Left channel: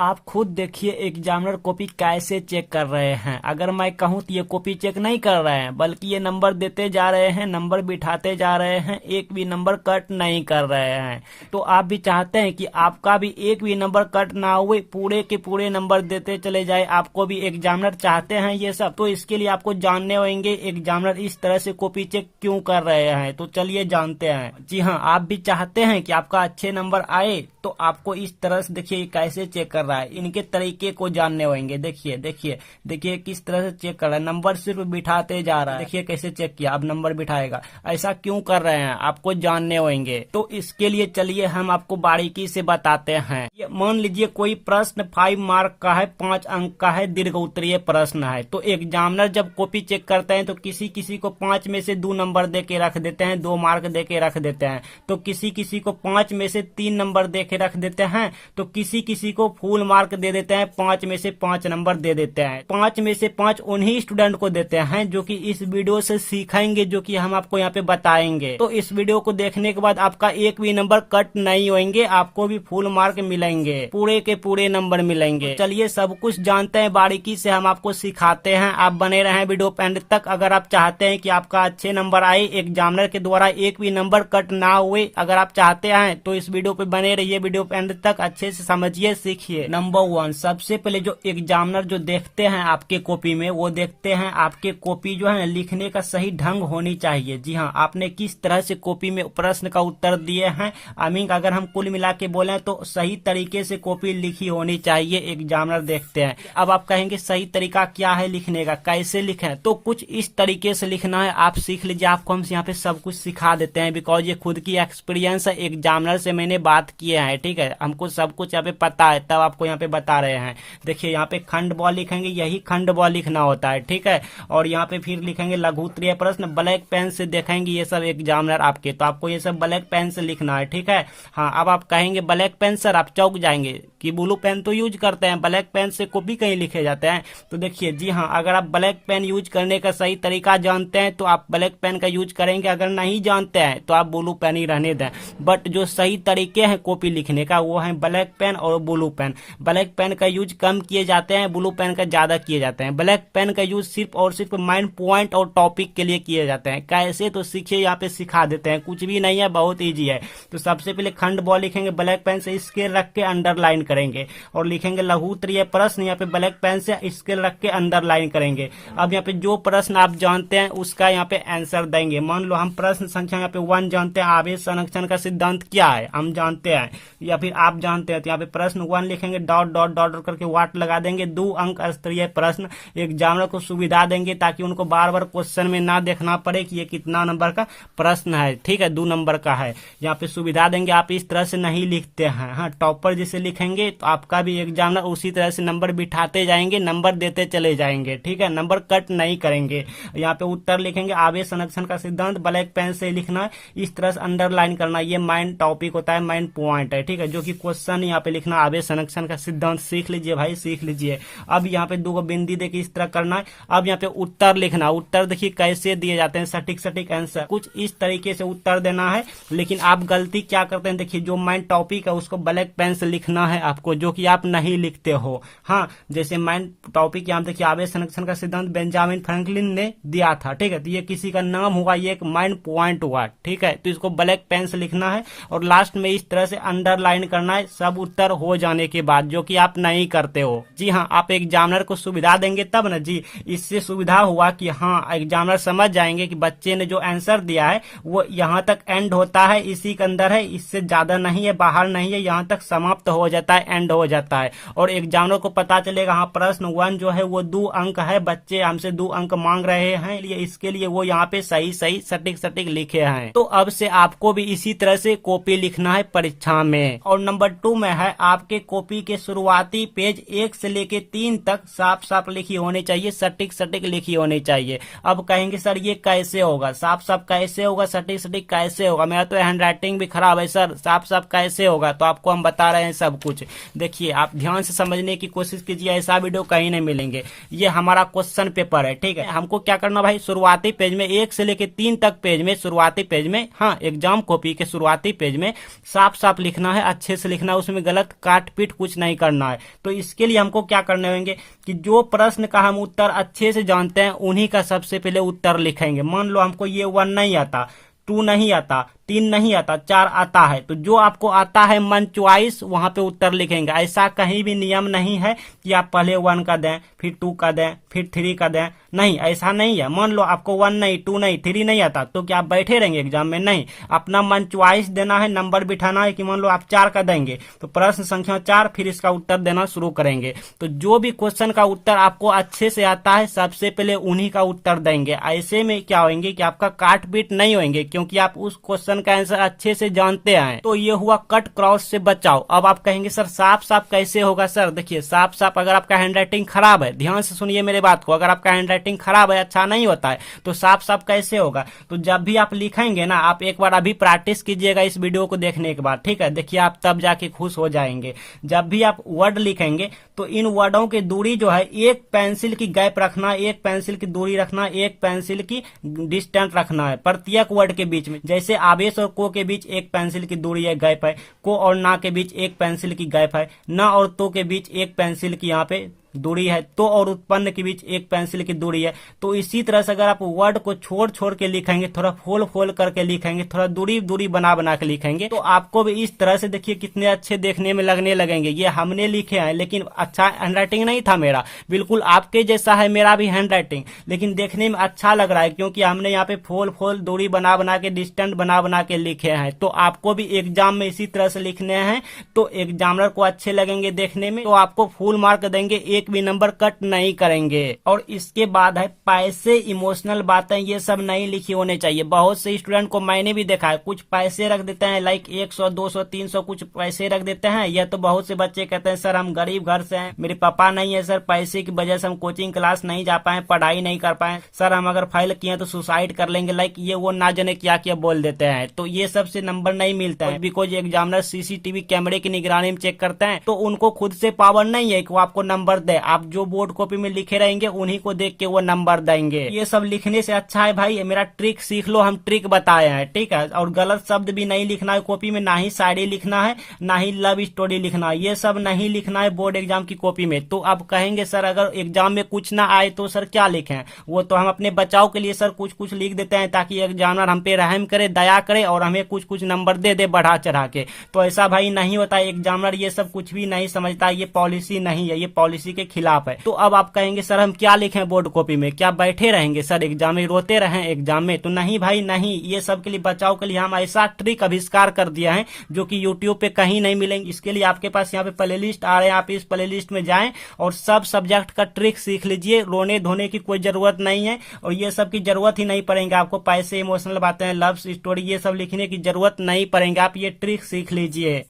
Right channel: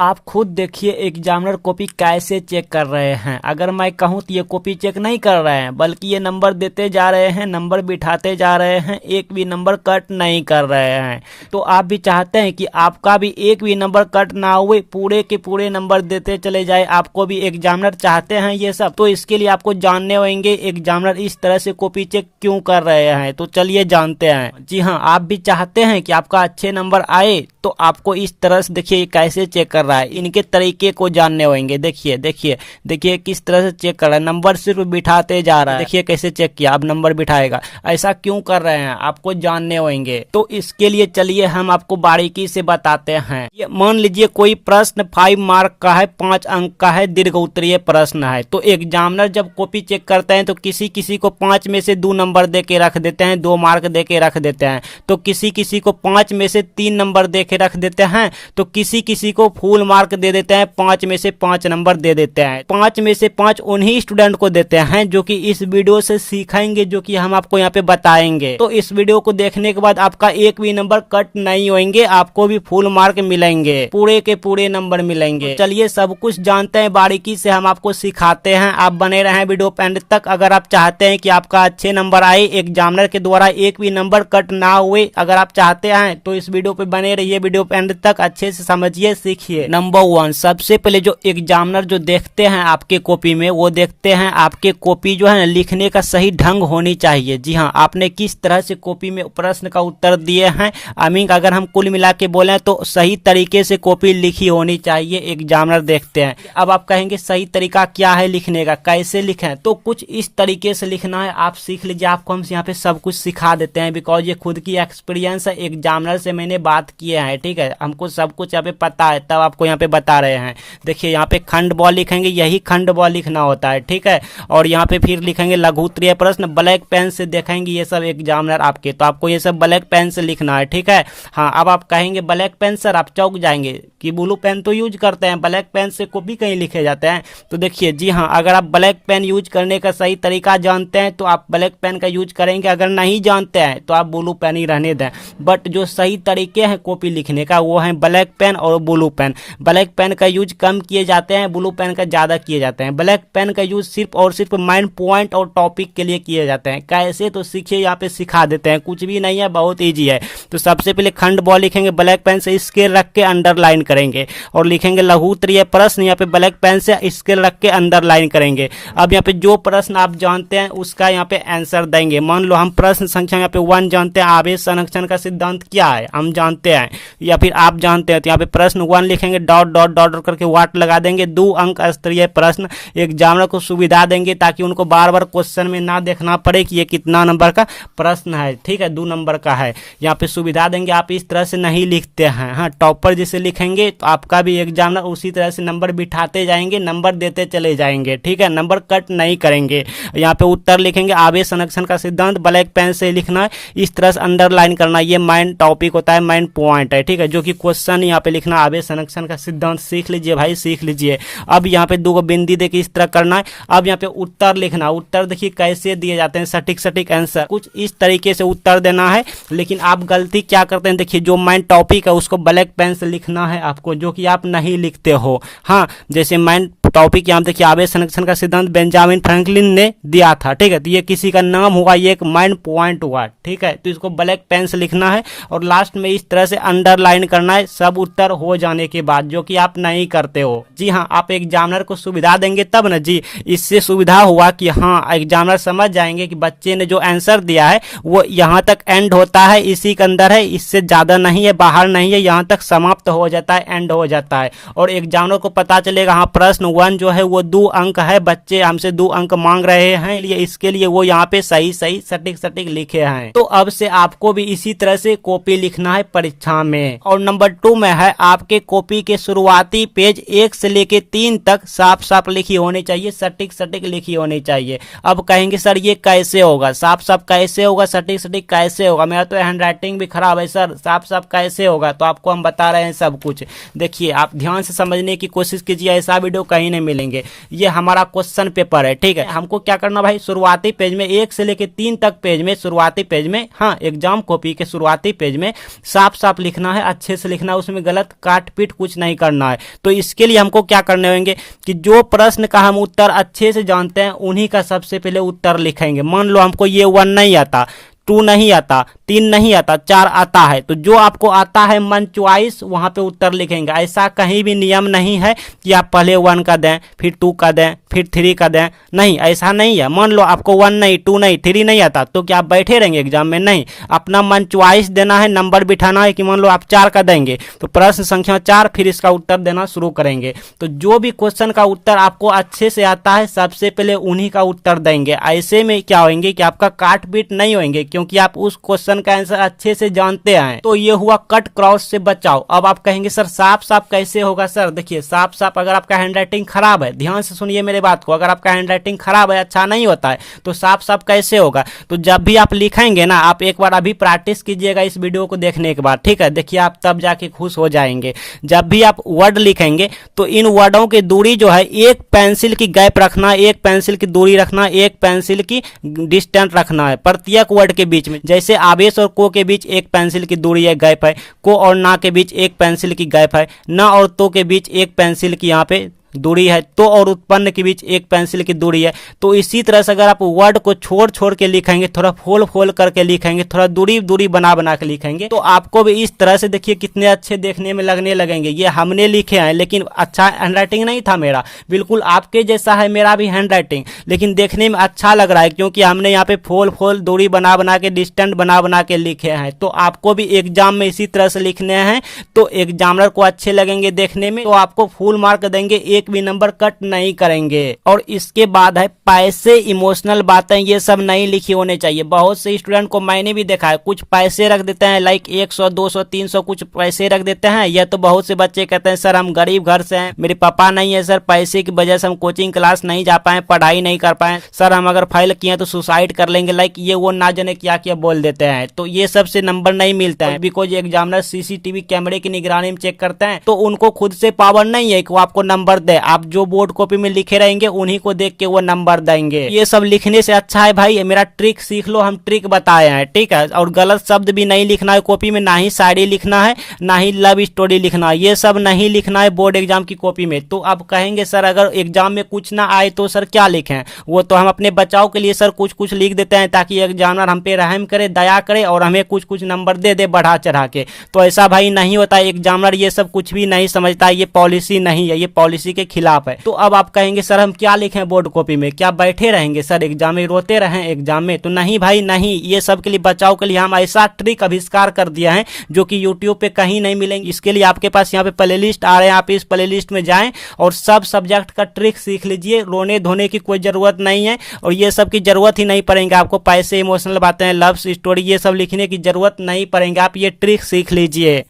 आप खुद देखिए एग्जामिनर कॉपी कैसे चेक कर रहे हैं। अगर मैं कहूँ तो ये कॉपी चेक नहीं कर रहे हैं, बल्कि ये नंबर देते जा रहे हैं, नंबर बिठाते जा रहे हैं, एक भी नंबर कट नहीं कर रहे हैं। तो आप भी चाहते हैं कि आपका भी एक भी नंबर कट ना हुए, पूरे के पूरे नंबर देते चले जाए। आपको भी एग्जामिनर चाहते हैं ये सब, तो इसके लिए आपको जानने होंगे एग्जामिनर इस तरह से कॉपी चेक क्यों कर रहे हैं। तो चलिए जानते हैं। जी हाँ, आप भी चाहते हैं कि आपका अच्छे नंबर आए, तो आपको इस तरह से देखिए कैसे चेक कर रहा है, इनके तरीके को जानने होंगे। देखिए देखिए देखिए किस तरह से चेक कर रहा है, नंबर सिर्फ बिठाते जा रहा है। देखिए कैसे चेक किया, अब नंबर बिठाएगा। ऐसा क्यों कर रहे हैं आपको जानने होंगे। तो इसके लिए चलिए हम आपको बारीकी से बताते हैं। ये मान लीजिए कोई प्रश्न 5 मार्क का है, 5 अंक का है, दीर्घ उत्तरीय प्रश्न है। तो एग्जामिनर जब कॉपी चेक करते हैं तो किसी किसी को 5 में से 2 नंबर दे के रख देते हैं, 2 मार्क दे के रख देते हैं। तो किसी किसी को 5 में से 3 नंबर दे के रख देते हैं, तो किसी किसी को फुल मार्क दे देते हैं, 5 में से 5 नंबर दे देते हैं। 5 में से 5 उन्हीं स्टूडेंट को देते हैं जो कि इस वीडियो से सीखेंगे, जो कि हम आपको यहाँ पे बताएंगे। तो इस वीडियो को देखने के बाद आपका एक भी नंबर कट नहीं होंगे, आपको भी फुल मार्क मिलेंगे, पूरे के पूरे नंबर मिलेंगे। तो चलिए सब कुछ जानते हैं, बारीकी से हम आपको सिखाते हैं। आप बने रहें वीडियो पे एंड तक। अगर आप चाहते हैं कि आपका अच्छे नंबर आए, एग्जामिनर के द्वारा एक भी नंबर कट ना हुए, अगर आप चाहते हैं तो इस वीडियो पे बने रहिए, वीडियो पे एंड तक अच्छे से समझिए, सीखिए। नंबर 1, सबसे पहले जो एग्जामिनर जो देखते हैं आपके कॉपी में, वो देखते हैं आपके कॉपी जो है ना लिखने का सही ढंग होनी चाहिए। जी हाँ, आपने किस तरह से कॉपी में प्रश्न का उत्तर दिए हैं। आई मीन अगर हम कुल मिला के बोले तो सही तरीके से कॉपी लिखी होनी चाहिए, एग्जामिनर देखते हैं। अब आप कहेंगे सही तरीका क्या है लिखने का, कैसे लिखें, तो कुछ इस तरीके से लिखना है। आप सीख लीजिए, आपको हम यहाँ पे सब कुछ सिखा देते हैं, बिकॉज ये खुद की एक्सपीरियंस है, एग्जामिनर से मैंने बात किया है। ठीक है, हमको सब कुछ यहाँ पे पता है, तब आपको यहाँ पे बता रहे हैं। देखिए यहाँ पे खंड ब लिखेंगे, यही खंड ब लिखना होता है। ठीक है, और यहाँ पे फिर लिखेंगे लघु उत्तरीय प्रश्न, ब्लैक पेन से देखेंगे ये सब एग्जामिनर आपके, तो आपको ये सब ब्लैक पेन से लिखना है। ठीक है, हाँ। अब आप कहेंगे ब्लैक पेन सर, आप चौक जाएंगे कि ब्लू पेन तो यूज करते हैं, ब्लैक पेन से कॉपी कहीं लिखे जाते हैं। तो देखिए जी हाँ, अगर आप ब्लैक पेन यूज करने का सही तरीका जानते हैं तो आप ब्लैक पेन का यूज करेंगे, अगर नहीं जानते हैं तो आप ब्लू पेन ही रहने दें। बट जो सही तरीके हैं कॉपी लिखने का वो है ब्लैक पेन और ब्लू पेन। ब्लैक पेन का यूज कम किए जाते हैं, ब्लू पेन का ज्यादा किए जाते हैं। ब्लैक पेन का यूज सिर्फ और सिर्फ माइंड पॉइंट और टॉपिक के लिए किए जाते हैं। कैसे, तो सीखिए, यहाँ पे सिखा देते हैं, कुछ भी नहीं है, बहुत ईजी है। तो सबसे पहले खंड ब लिखेंगे, ब्लैक पेन से स्केल रख के अंडरलाइन करेंगे, और लिखेंगे लघु उत्तरीय प्रश्न, यहाँ पे ब्लैक पेन से स्केल रख के अंडरलाइन करेंगे। अब यहाँ पे जो प्रश्न आप जानते हैं उसका यहाँ पे आंसर देंगे। मान लो हम प्रश्न संख्या यहाँ पे 1 जानते हैं, आवेश संरक्षण का सिद्धांत क्या है हम जानते हैं, या फिर आप जानते हैं, तो यहाँ पे प्रश्न 1 लिखेंगे, डॉट डॉट डॉट करके वाट लगा देंगे। 2 अंक स्तरीय प्रश्न, एग्जामिनर को सुविधा देंगे ताकि उनको बार बार क्वेश्चन में ना देखना पड़े कि ये कितना नंबर का प्रश्न है। ठीक है, 2 नंबर का है, यहाँ पे सुविधा देंगे। आप इस तरह से नहीं लिखते हैं, हाँ, टॉपर जिसे लिखेंगे तो आपका भी एग्जामिनर उसी तरह से नंबर बिठाते जाएंगे, नंबर देते चले जाएंगे। ठीक है, नंबर कट नहीं करेंगे। यहाँ पे उत्तर लिखेंगे, आवेश संरक्षण का सिद्धांत, ब्लैक पेन से लिखना है, इस तरह से अंडरलाइन करना। ये माइंड टॉपिक होता है, माइंड पॉइंट है। ठीक है, जो कि क्वेश्चन यहाँ पे लिखना, आवेश संरक्षण का सिद्धांत सीख लीजिए भाई, सीख लीजिए। अब यहाँ पे 2 बिंदी देके इस तरह करना है। अब यहाँ पे उत्तर लिखना, उत्तर देखिए कैसे दिए जाते हैं, सटीक सटीक आंसर, कुछ इस तरीके से उत्तर देना है। लेकिन आप गलती क्या करते हैं, देखिए जो माइंड टॉपिक है उसको ब्लैक पेन से लिखना है आपको, जो कि आप नहीं लिखते हो। हाँ, जैसे माइंड टॉपिक यहाँ देखिए, आवेश संरक्षण का सिद्धांत बेंजामिन फ्रैंकलिन ने दिया था। ठीक है, तो ये किसी का नाम हुआ, ये एक माइंड पॉइंट हुआ। ठीक है, तो इसको ब्लैक पेन से लिखना है और लास्ट में इस तरह से अंडरलाइन करना है, सब उत्तर हो जाने के बाद, जो कि आप नहीं करते हो। जी हाँ, आप एग्जामिनर को सुविधा देंगे तब ना जी। इससे सुविधा हुआ कि हाँ, एग्जामिनर समझ जाएंगे कि बच्चे ने जो आंसर दिया है वो यहाँ तक एंड होता है, इसी के अंदर है, इससे ज्यादा नहीं है, बाहर नहीं है, यहाँ तक समाप्त हो जाता है, एंड हो जाता है। और एग्जामिनर को पता चलेगा हाँ, प्रश्न 1 जो है वो 2 अंक है, बच्चे हमसे 2 अंक मांग रहे हैं, इसके लिए वो यहाँ पे सही सही सटीक सटीक लिखे हैं। तो अब से आपको भी इसी तरह से कॉपी लिखना है परीक्षा में। और नंबर 2 में है, आपके कॉपी के शुरुआती पेज 1 से लेके 3 तक साफ साफ लिखी होनी चाहिए, सटीक सटीक लिखी होनी चाहिए। अब कहेंगे सर ये कैसे होगा, साफ साफ कैसे होगा, सटीक सटीक कैसे होगा, मेरा तो हैंड राइटिंग भी खराब है सर, साफ साफ कैसे होगा। तो आपको हम बता रहे हैं सब कुछ। देखिए आप ध्यान से समझने की कोशिश कीजिए, ऐसा वीडियो कहीं कहीं नहीं मिलेंगे। ये हमारा क्वेश्चन पेपर है, ठीक है। हमको क्या करना भाई, शुरुआती पेज में 1 से लेके 3 तक पेज में, शुरुआती पेज में, हाँ एग्जाम कॉपी के शुरुआती पेज में साफ साफ लिखना है, अच्छे से लिखना है, उसमें गलत काट पीट कुछ नहीं करना है। तो इसके लिए हमको क्या करने होंगे कि जो प्रश्न का हम उत्तर अच्छे से जानते हैं उन्हीं का सबसे पहले उत्तर लिखेंगे। मान लो हमको ये 1 नहीं आता, 2 नहीं आता, 3 नहीं आता, 4 आता है, तो जो आपको आता है मन च्वाइस वहां पे उत्तर लिखेंगे। ऐसा कहीं भी नियम नहीं है कि आप पहले 1 का दें, फिर 2 का दें, फिर 3 का दें, नहीं ऐसा नहीं है। मान लो आपको 1 नहीं, 2 नहीं, 3 नहीं आता, तो क्या आप बैठे रहेंगे एग्जाम में? नहीं, अपना मन च्वाइस देना है, नंबर बिठाना है कि मान लो आप 4 का देंगे तो प्रश्न संख्या 4, फिर इसका उत्तर देना शुरू करेंगे। तो जो भी क्वेश्चन का उत्तर आपको अच्छे से आता है सबसे पहले उन्हीं का उत्तर देंगे। ऐसे में क्या होंगे कि आपका काट पीट नहीं होंगे, क्योंकि आप उस क्वेश्चन का आंसर अच्छे से जानते हैं। तो ये हुआ कट क्रॉस से बचाओ। अब आप कहेंगे सर साफ साफ कैसे होगा? सर देखिए, साफ साफ अगर आपका हैंडराइटिंग खराब है, ध्यान से सुनिए मेरे बात को, अगर आपका हैंडराइटिंग खराब है, अच्छा नहीं होता है, तो साफ साफ कैसे होगा? तो जब भी आप लिखेंगे ना, आप एक बार अभी प्रैक्टिस कीजिएगा इस वीडियो को देखने के बाद, ठीक है। देखिए आप तब जाके खुश हो जाएंगे। जब भी आप वर्ड लिखेंगे तो इन वर्डों की दूरी जो है, एक पेंसिल की गैप रखना, एक पेंसिल की दूरी रखना, एक पेंसिल की डिस्टेंस रखना है प्रत्येक वर्ड के बीच में। जैसे आवेश और को के बीच एक पेंसिल की दूरी है, गैप है। को और ना के बीच एक पेंसिल की गैप है। ना और तो के बीच एक पेंसिल की यहाँ पे दूरी है। तो और उत्पन्न के बीच एक पेंसिल की दूरी है। तो इसी तरह से अगर आप वर्ड को छोड़ छोड़ के लिखेंगे, थोड़ा फोल फोल करके लिखेंगे, थोड़ा दूरी दूरी बना बना के लिखेंगे, तो आपको भी इस तरह से देखिए कितने अच्छे देखने में लगने लगेंगे। ये हमने लिखे हैं, लेकिन अच्छा हैंडराइटिंग नहीं था मेरा, बिल्कुल आपके जैसा है मेरा भी हैंडराइटिंग, लेकिन देखने में अच्छा लग रहा है क्योंकि हमने यहाँ पे फोल फोल दूरी बना बना के, डिस्टेंस बना बना के लिखे हैं। तो आपको भी एग्जाम में इसी तरह से लिखने हैं, तो एग्जामिनर को अच्छे लगेंगे देखने में, तो आपको फुल मार्क देंगे, एक भी नंबर कट नहीं करेंगे। और इसके बाद है पैसे, इमोशनल बातें, ये सब नहीं लिखी होने चाहिए। बहुत से स्टूडेंट को मैंने भी देखा है, कुछ पैसे रख देते हैं, लाइक 100, 200, 300 कुछ पैसे रख देते हैं। या तो बहुत से बच्चे कहते हैं सर हम गरीब घर से हैं, मेरे पापा नहीं है सर, पैसे की वजह से हम कोचिंग क्लास नहीं जा पाए, पढ़ाई नहीं कर पाए, सर हम अगर फेल किए तो सुसाइड कर लेंगे, लाइक ये वो ना जाने क्या क्या बोल देते हैं। तो ये सबसे नंबर नहीं मिलता है, बिकॉज एग्जामिनर सीसीटीवी कैमरे की निगरानी में चेक करते हैं, तो उनको खुद से पावर नहीं है कि वो आपको नंबर दे। आप जो बोर्ड कॉपी में लिखे रहेंगे उन्हीं को देख के वो नंबर देंगे। ये सब लिखने से अच्छा है भाई मेरा ट्रिक सीख लो, हम ट्रिक बताए हैं, ठीक है। और गलत शब्द भी नहीं लिखना है कॉपी में, ना ही शायरी लिखना है, ना ही लव स्टोरी लिखना है, ये सब नहीं लिखना है बोर्ड एग्जाम की कॉपी में। तो अब कहेंगे सर अगर एग्जाम में कुछ ना आए तो सर क्या लिखें? वो तो हम अपने बचाव के लिए सर कुछ कुछ लिख देते हैं ताकि एग्जामिनर हम पे रहम करे, दया करे और हमें कुछ कुछ नंबर दे दे बढ़ा चढ़ा के। तो ऐसा भाई नहीं होता, एग्जामिनर ये सब कुछ भी नहीं समझता, ये पॉलिसी नहीं है, ये पॉलिसी के खिलाफ है। तो अब आप कहेंगे सर हम क्या लिखें बोर्ड कॉपी में? क्या बैठे रहेंगे सर एग्जाम में, रोते रहें एग्जाम में? तो नहीं भाई नहीं, ये सब के लिए बचाव के लिए हम ऐसा ट्रिक आविष्कार कर दिया है जो कि यूट्यूब पे कहीं नहीं मिलेंगे। इसके लिए आपके पास यहाँ पे प्लेलिस्ट आ रहे हैं, आप इस प्लेलिस्ट में जाएं और सब सब्जेक्ट का ट्रिक सीख लीजिए। रोने धोने की कोई जरूरत नहीं है और ये सब की जरूरत ही नहीं पड़ेंगे आपको। पैसे, इमोशनल बातें, लव स्टोरी, ये सब लिखने की जरूरत नहीं पड़ेंगे, आप ये ट्रिक सीख लीजिए।